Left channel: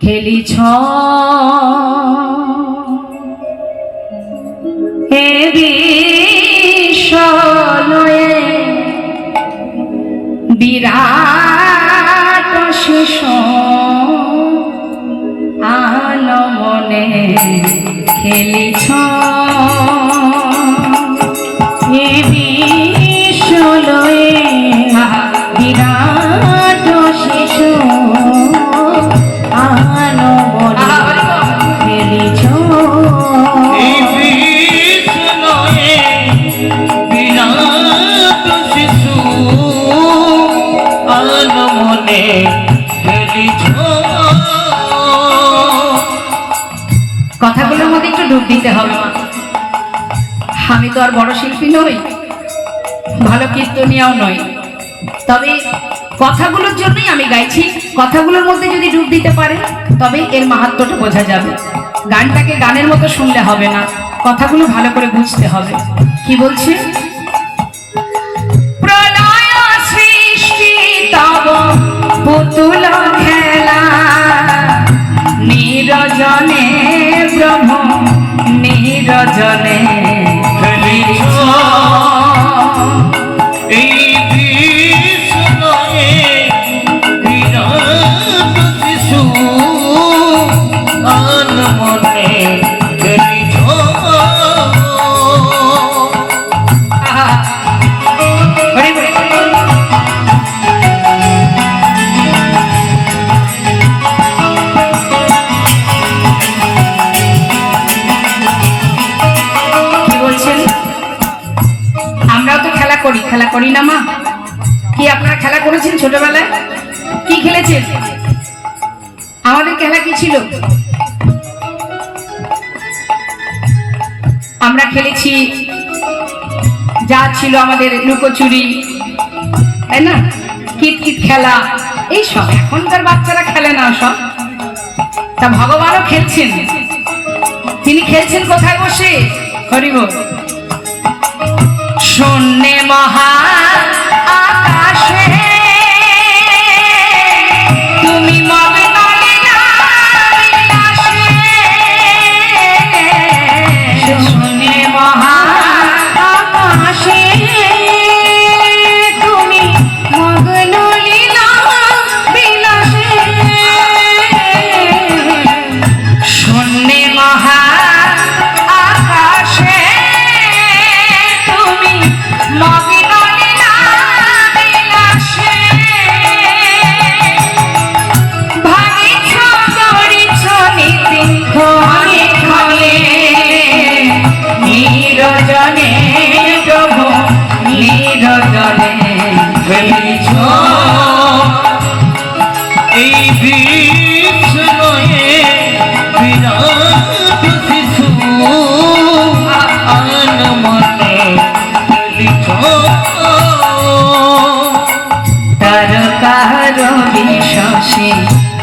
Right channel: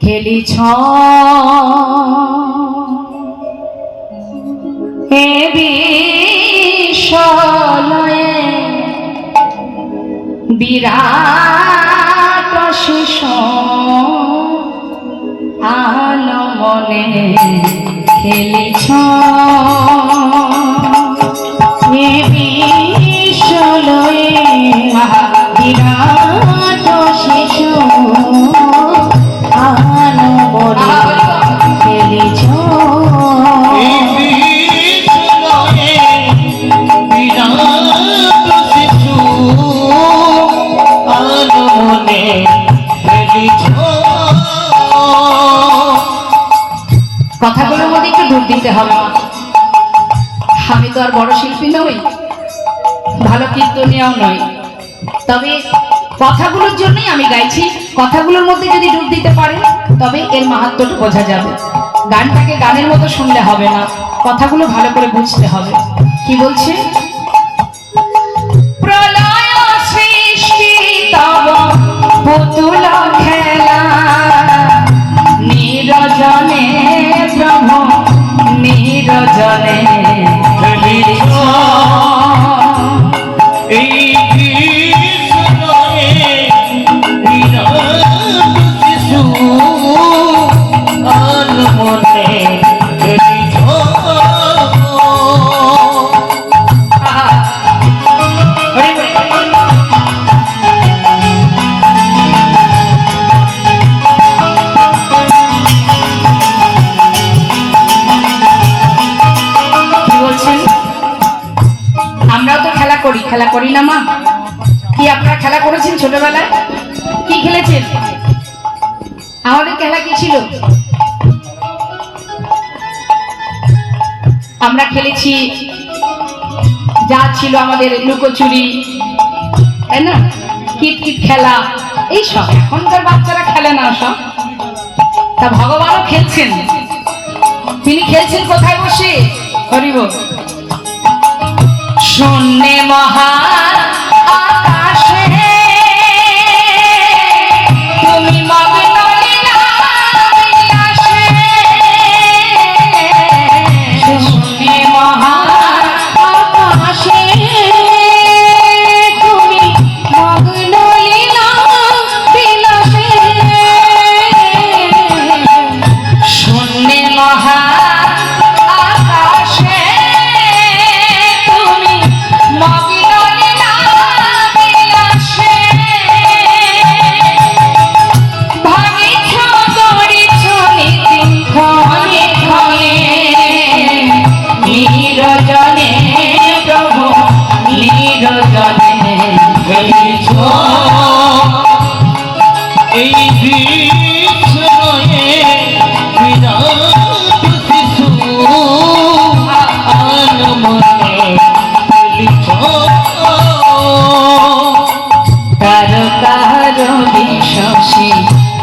খেলিছ হে বিশ্বলয়ে বিরাট শিশু আনমনে খেলিছ হে বিশ্বলয়ে বিরাট শিশু কথাগুলোর মধ্যে একটু ডুব দিতে হবে। আমি তো আর বড় শিল্পী নই, ভালো কীর্তনিয়াও নই, তবে কথাগুলোর জন্যই আমি গাইছি। কথাগুলোর মধ্যে যদি ডুব দিতে পারেন তবে এর মাহাত্ম্যটা বোঝা যাবে। গানটাকে গানের মতো শুনলে হবে না, কথাগুলো ভালো করে বুঝতে হবে। কি বলছে? প্রলয় সৃষ্টি তব পুতুল খেলা নিরজনে ব্রহ্ম নিরজনে খেলিছ এই বিশ্বলয়ে বিরাট শিশু আনমনে খেলিছ। খেলা করি না মা? কি আপনারা খেলা করেছেন ছোটবেলায়? কি খেলেছেন? আমাদের খেলা কি ছিল? আমরা খেলেছি যা ছিল আমাদের লুকোচুরি, তাই না, কিতকিত খেলা, এইসব। এখনকার বাচ্চারা খেলে না সব। তা ভগবানও খেলছেন। তিনি খেলছেন কোথায় বসে? হরি বল। শূন্যে মহা আকাশে তুমি মগ্ন লীলাবিলাসে, শূন্যে মহা আকাশে তুমি মগ্ন লীলাবিলাসে, শূন্যে মহা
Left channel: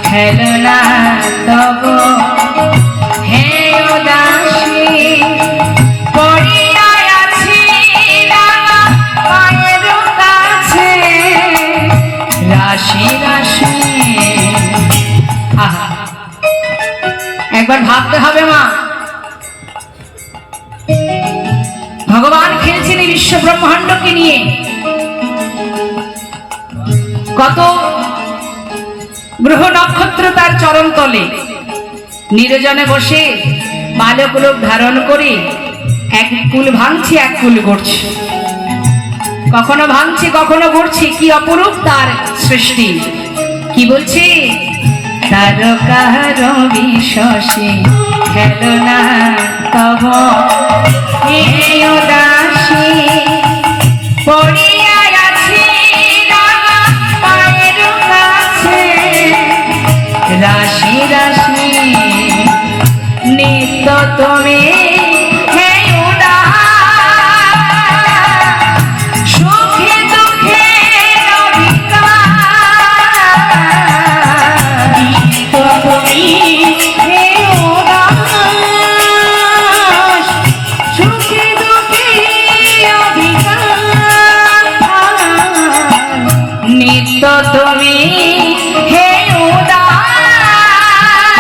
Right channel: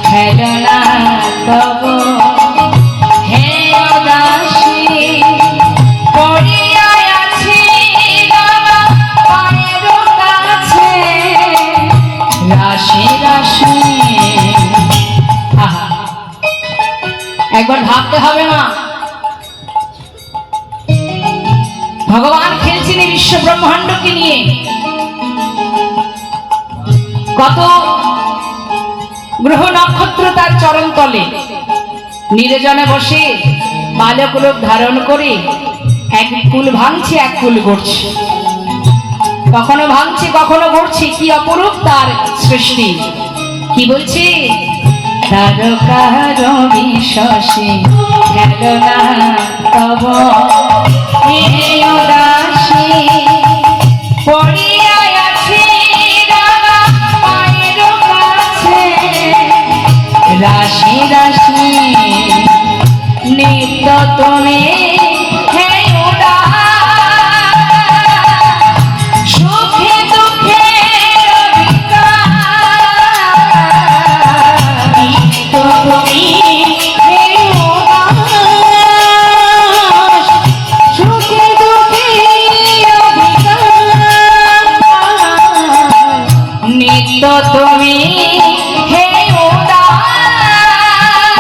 খেলনা তব হে উদাসী পড়িয়া আছি পায়ের কাছে রাশি রাশি। একবার ভাবতে হবে মা, ভগবান খেলছেন এই বিশ্ব ব্রহ্মাণ্ডকে নিয়ে। কত গ্রহ নক্ষত্র তার চরণ তলে নিরজনে বসে বালক লোক ধারণ করে এক কুল ভাঙছে এক কুল গড়ছে, কখনো ভাঙছে কখনো গড়ছে। কি অপরূপ তার সৃষ্টি! কি বলছে? তারকার বিশ্বসে খেলনা তব হে উদাসী পড়িয়া আছি পায়ের কাছে রাশি রাশি নিত্য তুমি হে উদাস সুখে দুঃখে অধিকার নিত্য তুমি হে উদাস সুখে দুঃখে অধিকার নিত্য তুমি হে উদাস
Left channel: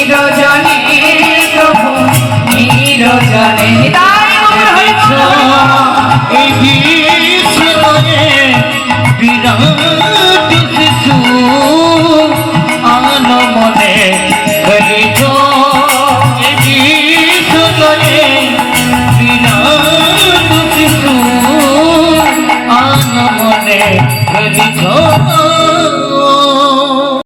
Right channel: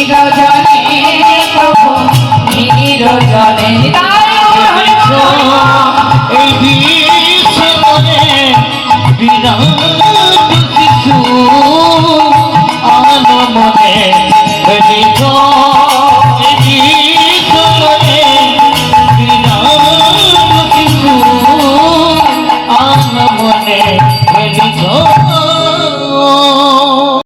নিরজনে প্রভু নিরজনে নিতাই গৌর হরি বল।